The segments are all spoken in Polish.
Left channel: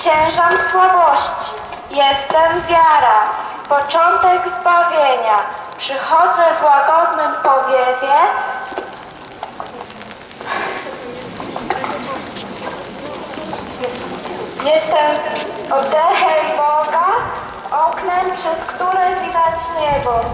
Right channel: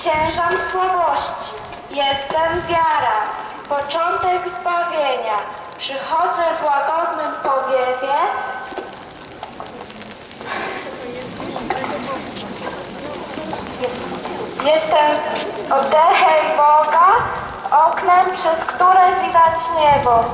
Zwyciężam słabości, Jestem wiara, początek zbawienia. Przychodzę w łagodnym powiewie. Jestem oddechem Boga, oknem, przez które widać niebo.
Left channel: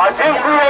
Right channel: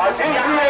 A gente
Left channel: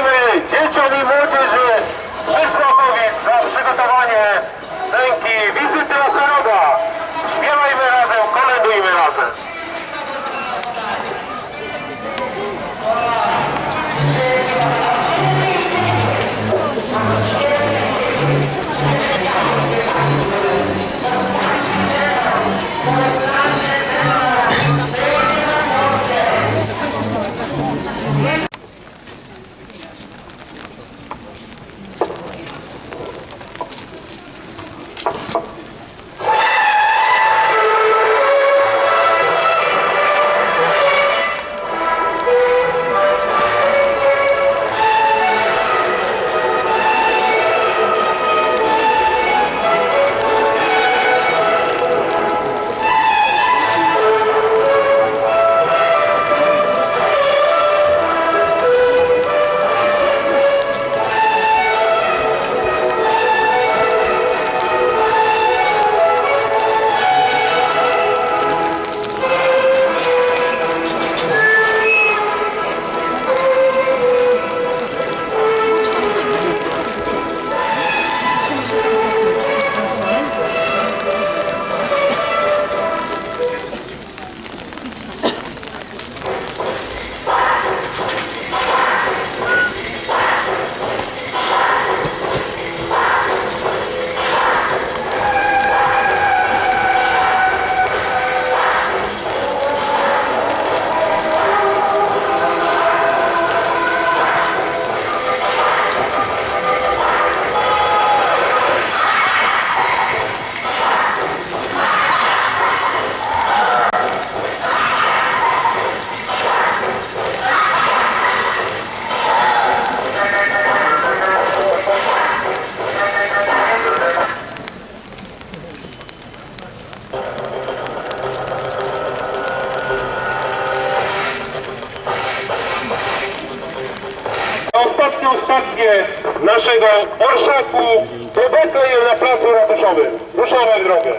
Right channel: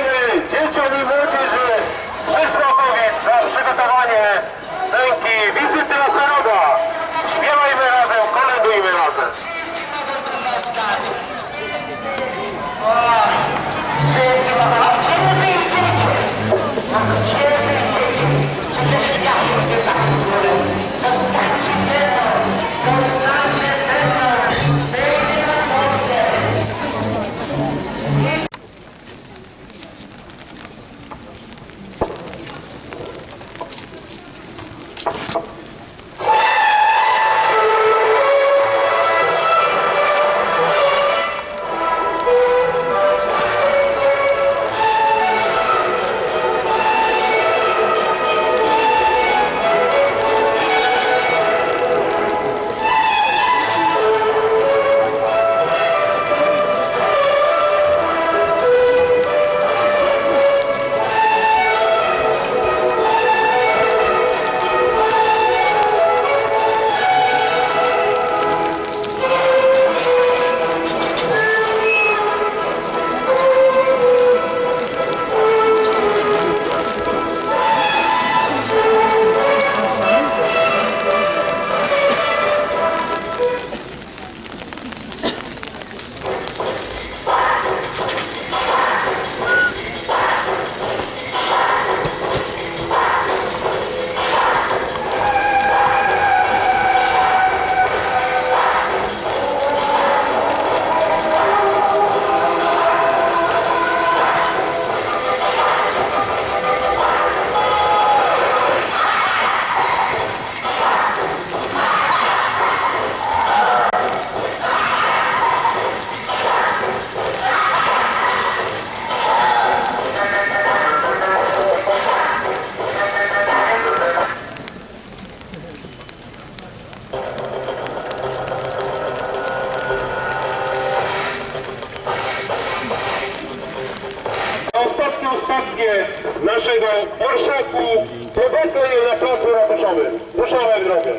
ratuszowym. Ruszamy w drogę.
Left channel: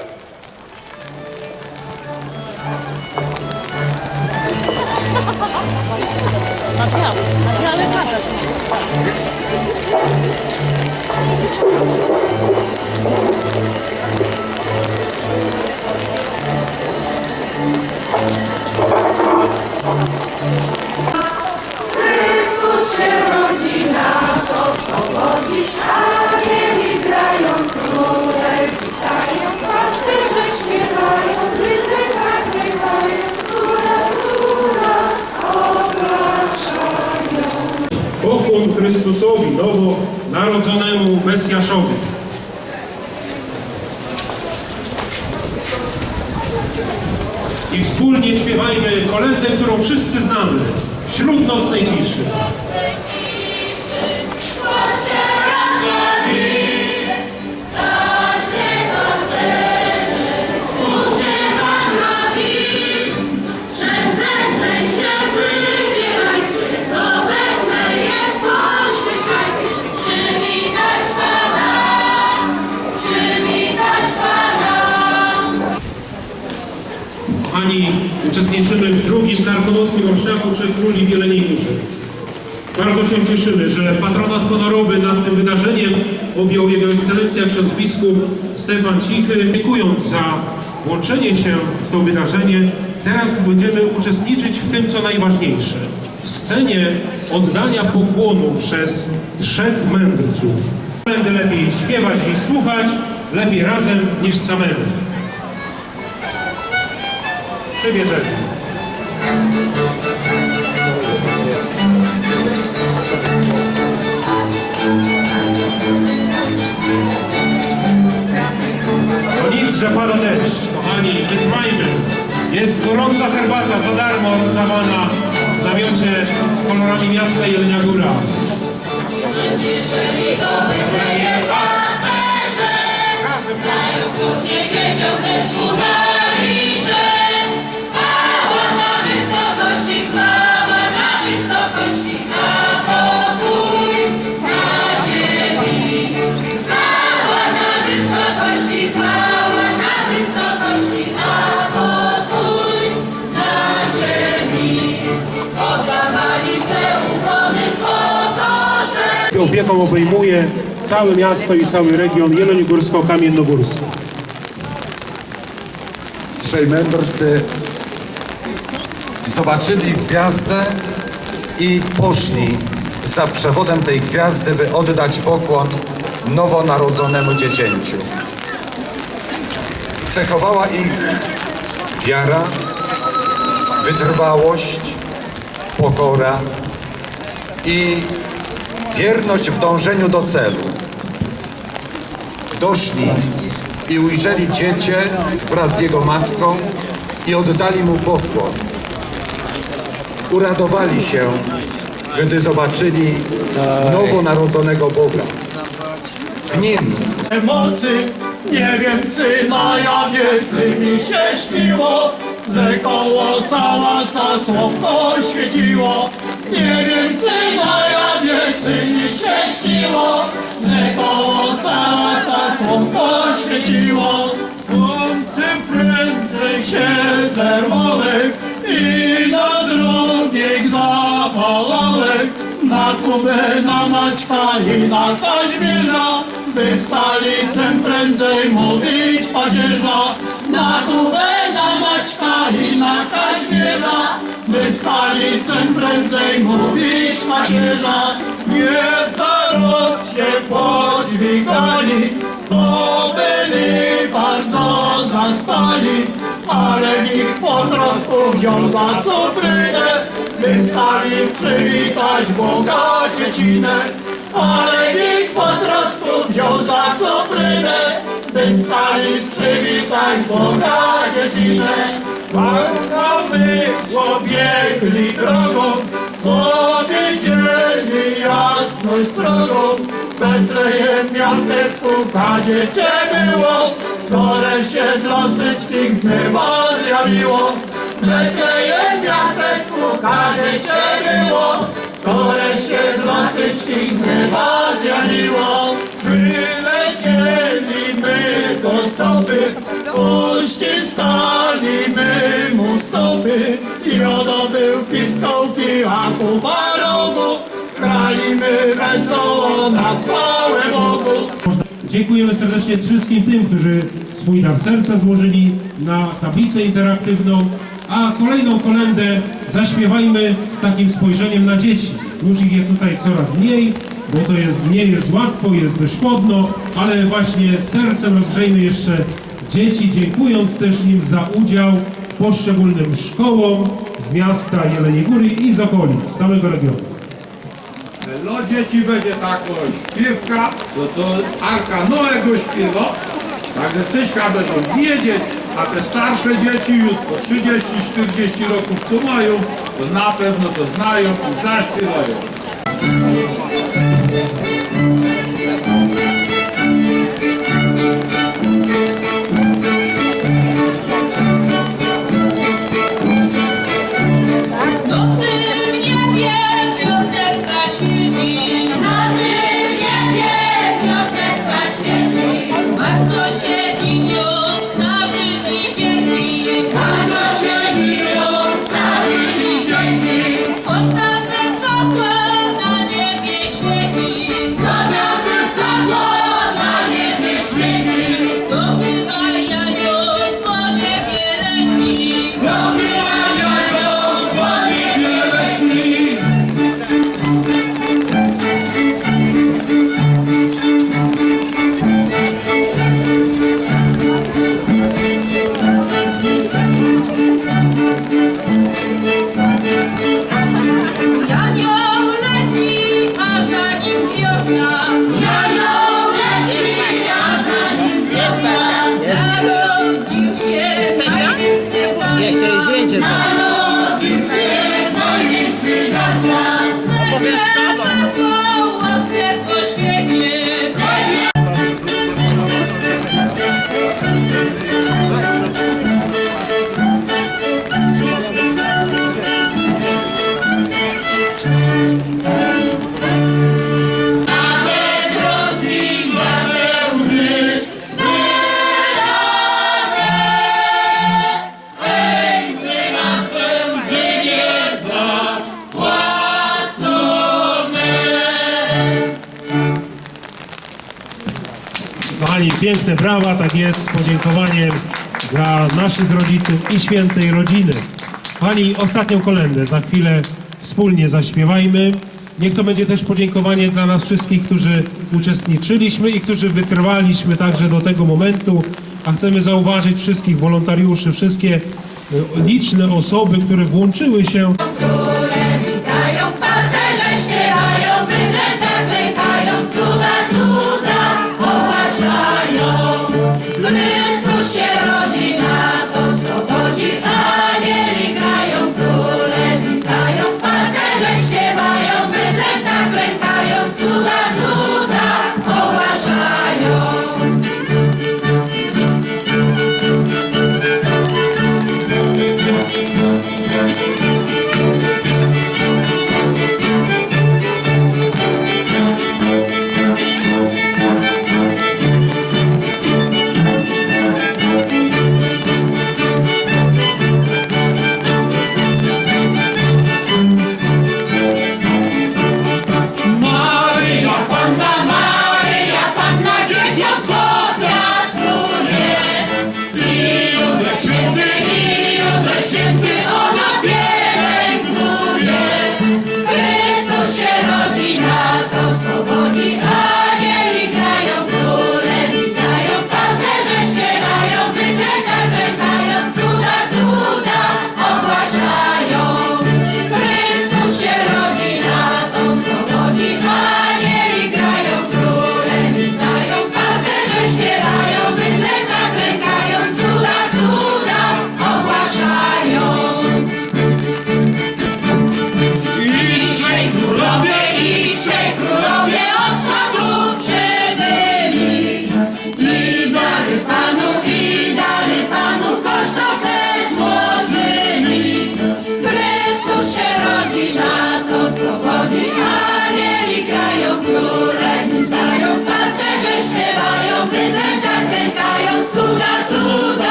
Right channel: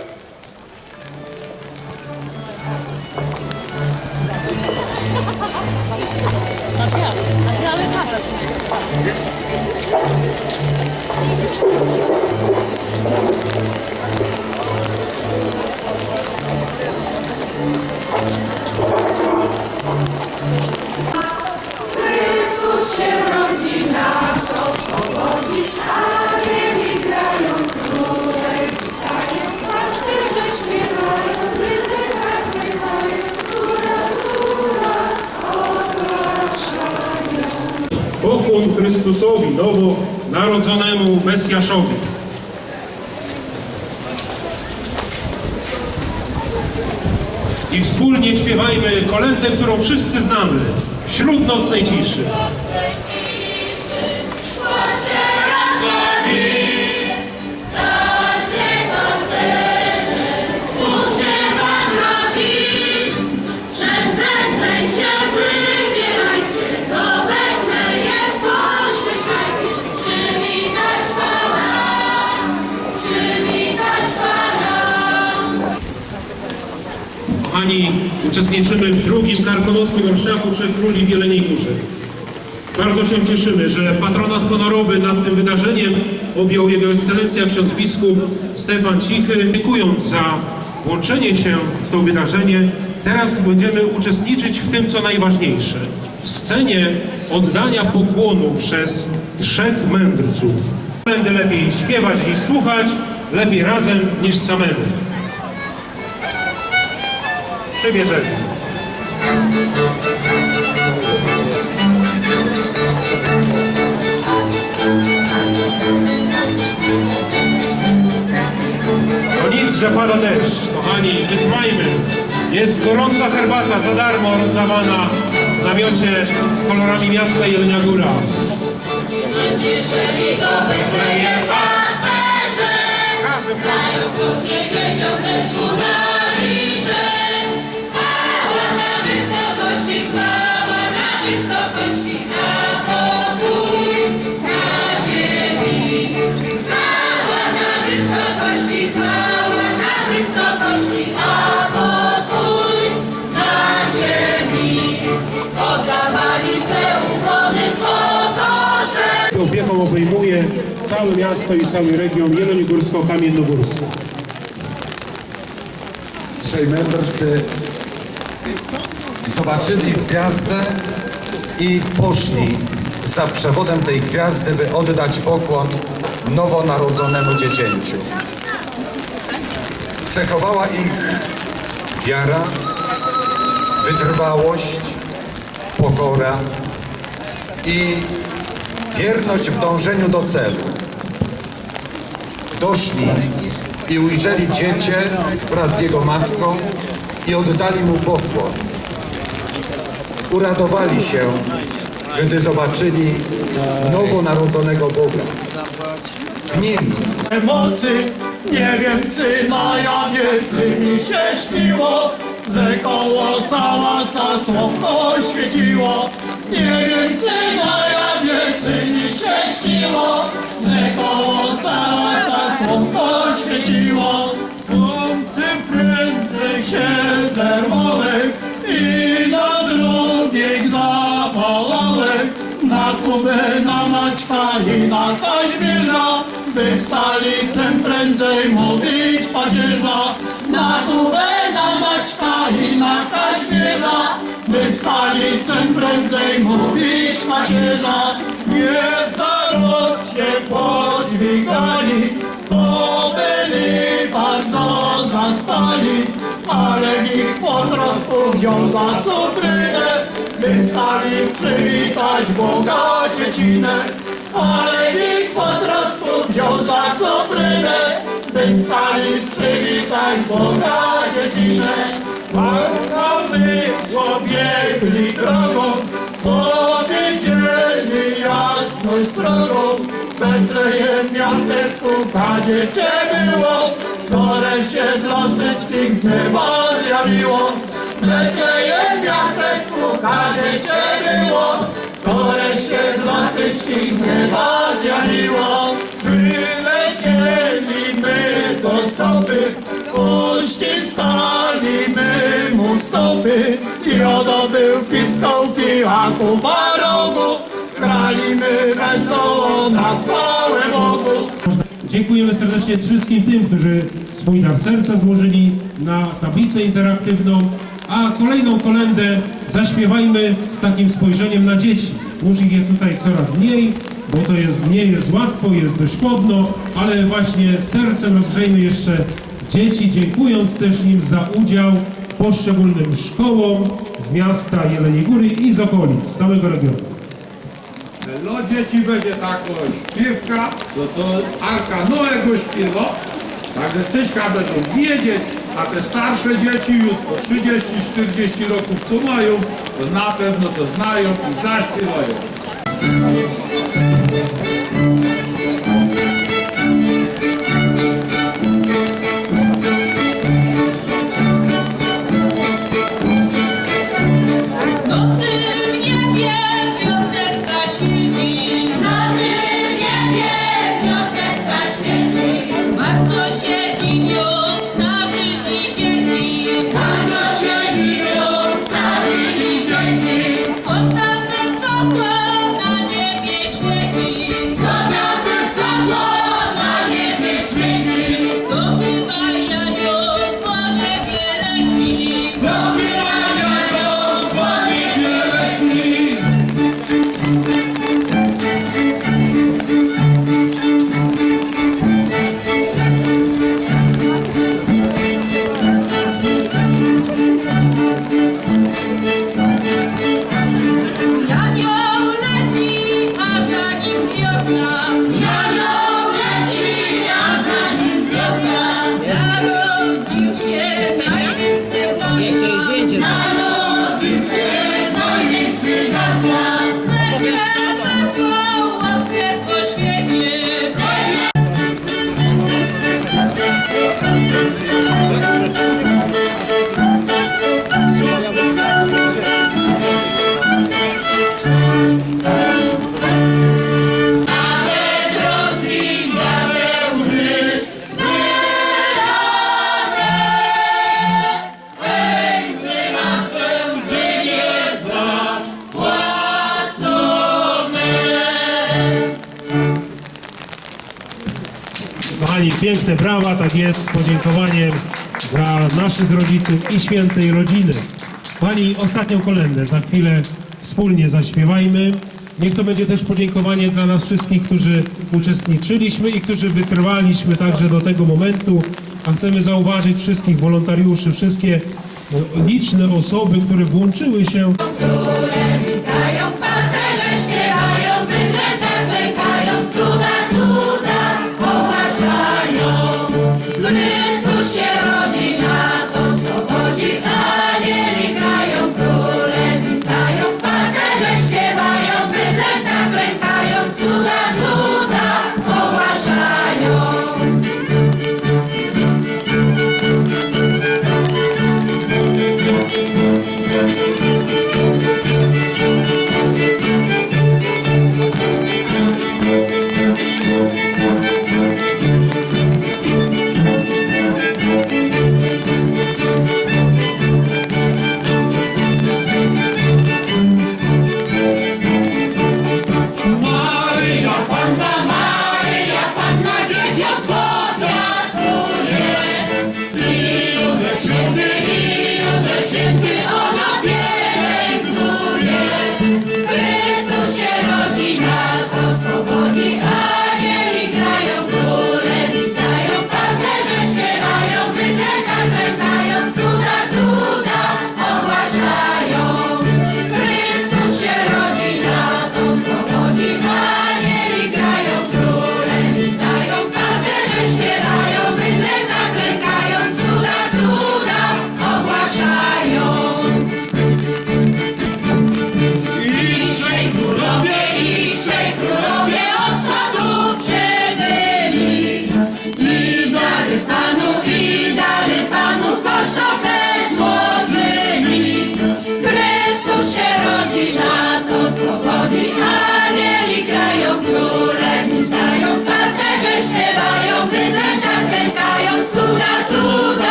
Pasterze nowo narodzonemu Mesjaszowi. I wspólnie śpiewajmy kolędę, którą wszyscy znamy, wśród nocnej ciszy. Uczestniczymy w drugim karkonoskim orszaku Trzech Króli w Jeleniej Górze. Bardzo się cieszymy, że patronat honorowy nad tym wydarzeniem objął Jego Ekscelencja ksiądz biskup Stefan Cichy. Dziękując za włączenie się w to wydarzenie, teraz będziemy uczestniczyć w tym, co najważniejsze. W scenie oddania pokłonu przez trzech mędrców. Będę lepiej śpiewać niż słuchać, lepiej razem niż samemu. Przybierzemy. To nic, że pada deszcz. Kochani, wytrwajmy. Jest gorąca herbata za darmo rozdawana w namiocie z kolorami miasta Jelenia Góra. Przyspieszyli do Betlejem pasterze, dają słusznie dzieciom lecz obejmuje całe miasto i cały region jeleniogórsko-kamiennogórski. trzej mędrcy zobaczyli gwiazdę i poszli za przewodem tej gwiazdy, by oddać pokłon nowonarodzonemu dziecięciu. Cechowała ich wiara, wytrwałość, pokora i wierność w dążeniu do celu. Doszli i ujrzeli dziecię wraz z jego matką i oddali mu pokłon. Uradowali się, gdy zobaczyli nowonarodzonego Boga. W nim mocy, nie wiem czy na jawicy mi się śniło, że koło sałasa słonko świeciło. Nie wiem czy na jawicy mi się śniło, że koło sałasa słonko świeciło. Słońce prędzej się zerwałem i na drugiej zawołałem. Na Kubę, na Maćka i na Kaźmierza, by stolicę prędzej mówić padzierza. Na Kubę, na Maćka i na Kaźmierza, by stolicę prędzej mówić padzierza. Nie zaraz się podźwigali, bo byli bardzo zaspali, ale ich po trosku wziął za cutrynę, by stali przywitać Boga dziecinę. Ale ich po trosku wziął za cutrynę, by stali przywitać Boga dziecinę. Marka my pobiegli drogą, powiedzieli jasność strogą. Betlejem miasteczku kadziecie było, które się dla wszystkich z nieba zjawiło. Betlejem miasteczku kadziecie było, które się dla wszystkich z nieba zjawiło. Przylecieli my do soby, uściskali my mu stopy. Jodo był pistołki, a Kuba rogu, graliśmy wesoło na chwałę Bogu. Dziękujemy serdecznie wszystkim tym, którzy swój dar serca złożyli na tablicę interaktywną, a kolejną kolendę zaśpiewajmy z takim spojrzeniem na dzieci. Już ich jest tutaj coraz mniej, bo to jest, nie jest łatwo, jest dość chłodno, ale właśnie sercem rozgrzejmy jeszcze dzieci, dziękując też im za udział poszczególnym szkołom z miasta Jeleniej Góry i z okolic, z całego regionu. Dla dzieci będzie taka śpiewka, co to Arka Noego śpiewa. Także syćka będą wiedzieć, a te starsze dzieci już po 30-40 roków co mają, to na pewno to znają i zaśpiewają. Nim Kochani, piękne brawa, tak jest, z podziękowaniem dla naszych rodziców i świętej rodziny. Kochani, ostatnią kolędę za chwilę wspólnie zaśpiewajmy. Niech to będzie też podziękowanie dla nas wszystkich, którzy uczestniczyliśmy i którzy wytrwaliśmy także do tego momentu. A chcemy zauważyć wszystkich wolontariuszy, wszystkie e, liczne osoby, które włączyły się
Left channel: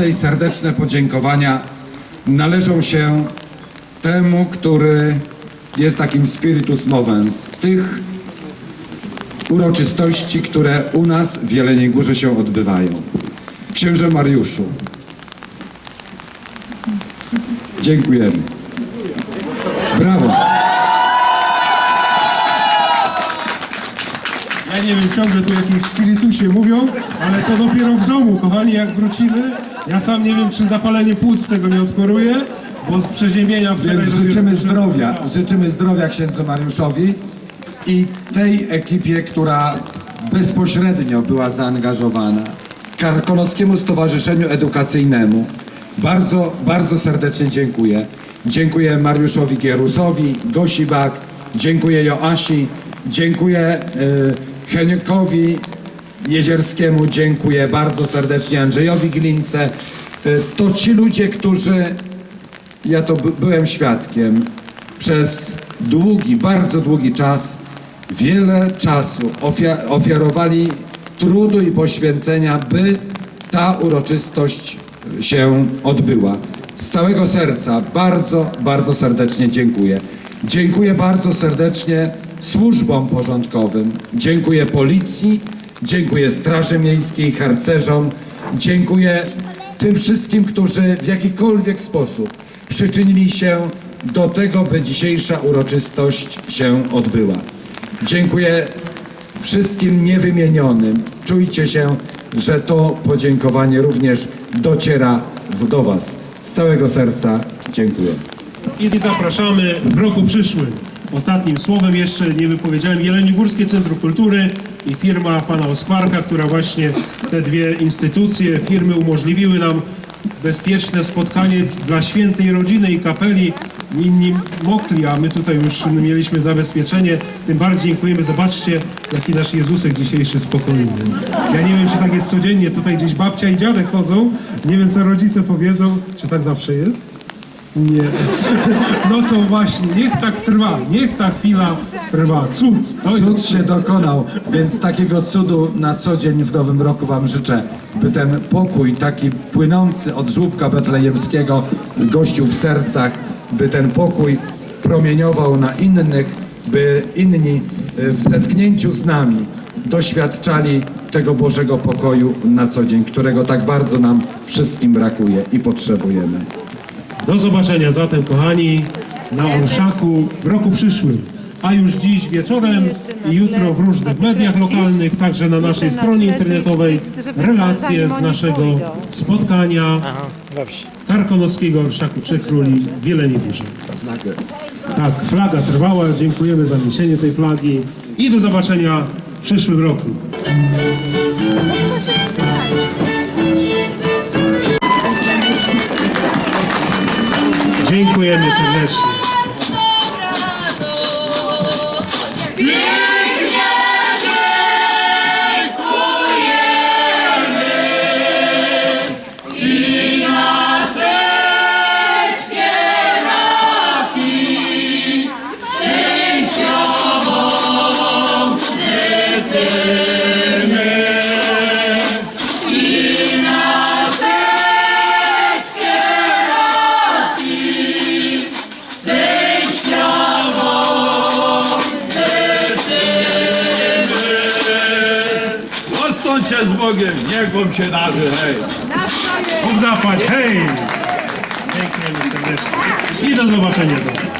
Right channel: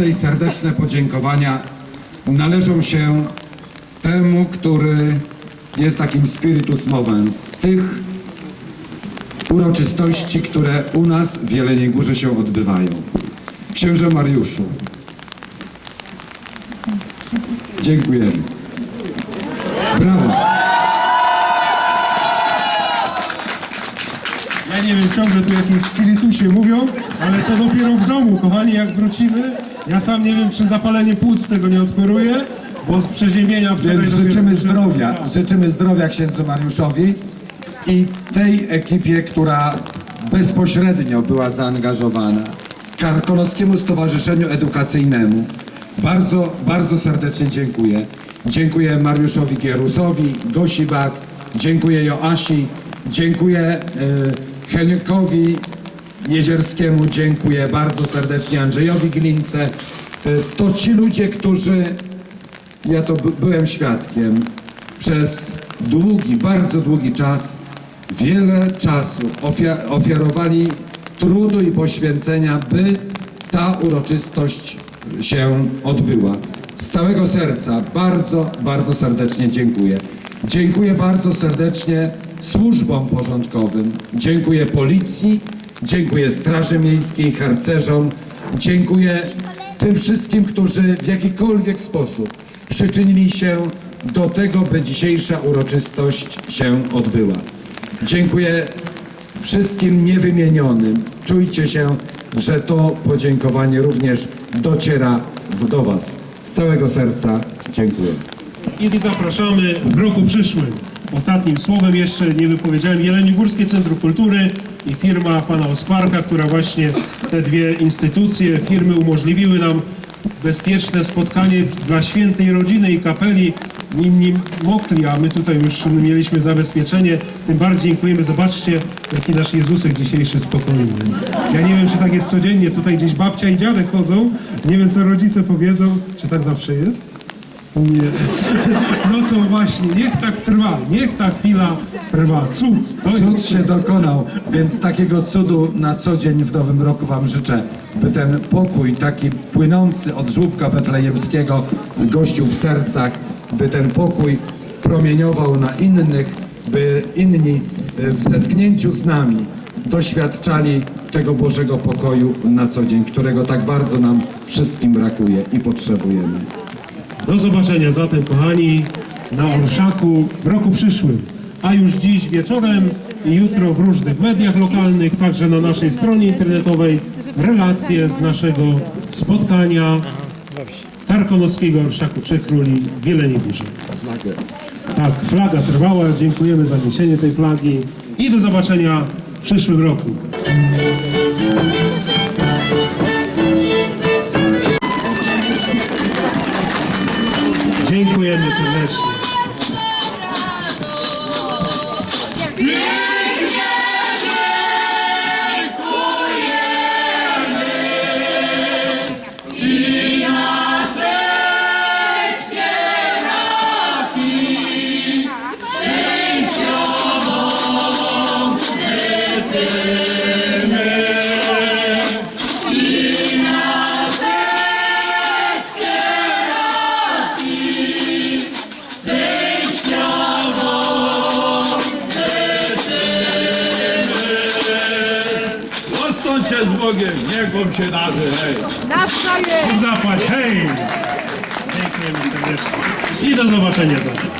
Gorące i serdeczne podziękowania należą się temu, który jest takim spiritus movens tych uroczystości, które u nas w Jeleniej Górze się odbywają. Księże Mariuszu, dziękujemy. Brawo. Ja nie wiem, ciągle tu jakieś spirytusie mówią, ale to dopiero w domu, kochani, jak wrócimy. Ja sam nie wiem, czy zapalenie płuc tego nie odkoruje, bo z przeziębienia wczoraj... Więc życzymy zdrowia, życzymy zdrowia księdzu Mariuszowi i tej ekipie, która bezpośrednio była zaangażowana, Karkonoskiemu Stowarzyszeniu Edukacyjnemu. Bardzo, bardzo serdecznie dziękuję. Dziękuję Mariuszowi Gierusowi, Gosi Bak, dziękuję Joasi, dziękuję y, Heniokowi Jezierskiemu, dziękuję bardzo serdecznie Andrzejowi Glince. Y, to ci ludzie, którzy ja to by, byłem świadkiem przez długi, bardzo długi czas, wiele czasu ofia, ofiarowali trudu i poświęcenia, by ta uroczystość się odbyła. Z całego serca bardzo, bardzo serdecznie dziękuję. Dziękuję bardzo serdecznie służbom porządkowym, dziękuję policji, dziękuję Straży Miejskiej, harcerzom, dziękuję tym wszystkim, którzy w jakikolwiek sposób przyczynili się do tego, by dzisiejsza uroczystość się odbyła. Dziękuję wszystkim niewymienionym. Czujcie się, że to podziękowanie również dociera do Was. Z całego serca dziękuję. I zapraszamy w roku przyszłym. Ostatnim słowem jeszcze nie wypowiedziałem Jeleniogórskie Centrum Kultury i firma pana Oskwarka, która właśnie te dwie instytucje, firmy umożliwiły nam bezpieczne spotkanie dla świętej rodziny i kapeli. Inni mokli, a my tutaj już mieliśmy zabezpieczenie. Tym bardziej dziękujemy. Zobaczcie, jaki nasz Jezusek dzisiejszy spokojny. Ja nie wiem, czy tak jest codziennie. Tutaj gdzieś babcia i dziadek chodzą. Nie wiem, co rodzice powiedzą. Czy tak zawsze jest? Nie. No to właśnie, niech tak trwa, niech ta chwila trwa. Cud. To Cud jest się dokonał, więc takiego cudu na co dzień w nowym roku Wam życzę, by ten pokój taki płynący od żłóbka betlejemskiego gościł w sercach, by ten pokój promieniował na innych, by inni y, w zetknięciu z nami doświadczali tego Bożego pokoju na co dzień, którego tak bardzo nam wszystkim brakuje i potrzebujemy. Do zobaczenia zatem, kochani, na Orszaku w roku przyszłym. A już dziś wieczorem i jutro w różnych mediach lokalnych, także na naszej stronie internetowej, relacje z naszego spotkania Karkonoskiego Orszaku Trzech Króli w Górze. Tak, flaga trwała, dziękujemy za niesienie tej flagi i do zobaczenia w przyszłym roku. Dziękujemy serdecznie. Chłopom się darzy, hej. Chłop zapłać, hej. Dziękujemy serdecznie. I do zobaczenia zawsze.